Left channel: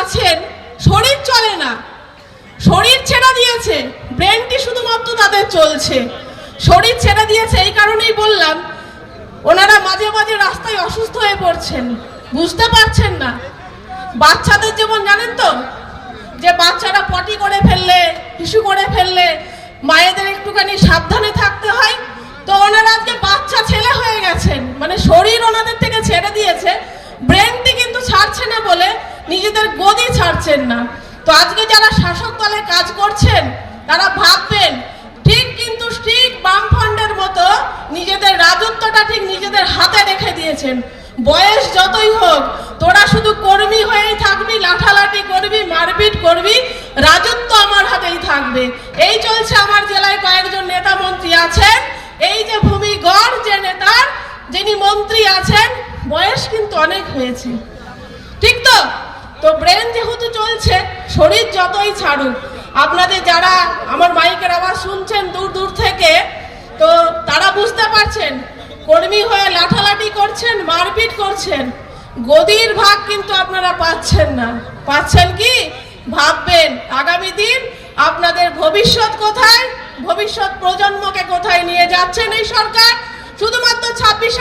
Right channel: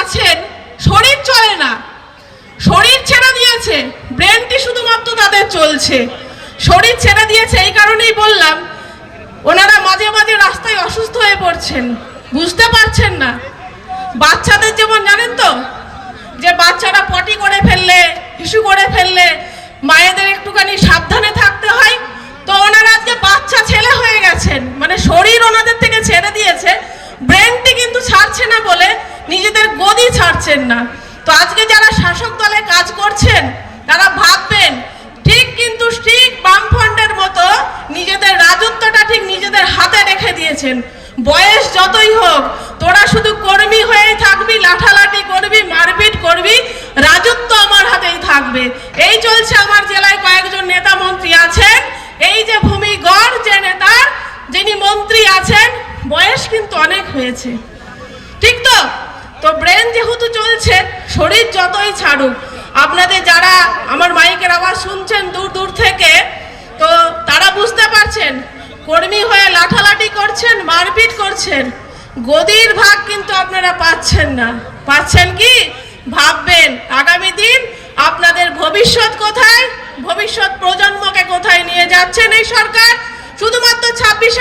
আছেন শরীর চলে না, শরীর ছেড়ে দিয়েছে, ব্রেনটি শুধুমাত্র তাদের চলছে। শরীর ছেড়ে দিয়েছে এই কারণেই বললাম, ওনারা মাঝে মাঝে রাস্তায় অসুস্থ হয়ে পড়ছেন, বুঝতে পারছেন না। বাচ্চাদের যেমন জানেন তো, যে বাচ্চারা পটি করে ফেললে, হিসু করে ফেললে মায়েদের একটুখানি সাবধানে থাকতে হয়, তো ওনারা আজকে বাচ্চা ছেলে হয়ে গেছেন, মানে শরীর ওনাদের থেকে ছেড়ে দিয়েছে, ব্রেনটি কিন্তু ছাড়ছে না বলে নিজেদের গদি ছাড়ছেন না। তো আজকে যারা শাসক দলে কাজ করছেন তারা ভাববেন ঠিক কিন্তু ঠিক বামফ্রন্টের মতো নিজেদের রাজত্বটা ঠিক নিজেদের হাতে রেখে দিয়েছেন। বয়স যতই হোক তোরা শুধু কর্মী হয়েই থাকবি, লাঠালাঠি করবি, মারপিট করবি, রাজত্ব আমার হাতেই থাকবে। এই চলছে। আমার জেলায় কয়েকজন নেতা মন্ত্রী আছেন, এই যে ভূমিগড় যে নেতার যিনি মন্ত্রী আছেন বয়স কিন্তু অনেক হয়েছে, ঠিক তো? তো ব্রেন যেহেতু চলছে, শরীর যতই ছাড়ুক, আপনাদের যারা আমার মাইকের আওয়াজ শুনছেন দূর দূর থেকে, তো তারা বুঝতে পারছেন কর্মী হয়ে লাঠালাঠি করছেন, মারপিট করছেন, গদির ভাগ কিন্তু আপনারা পাচ্ছেন না। পাচ্ছেন কি? ভাববেন আগামী দিন আপনাদের ভবিষ্যৎ কোথায়, ভবিষ্যৎ প্রজন্মকে কোথায় নিয়ে যাচ্ছেন এই সরকার। শুধুমাত্র 26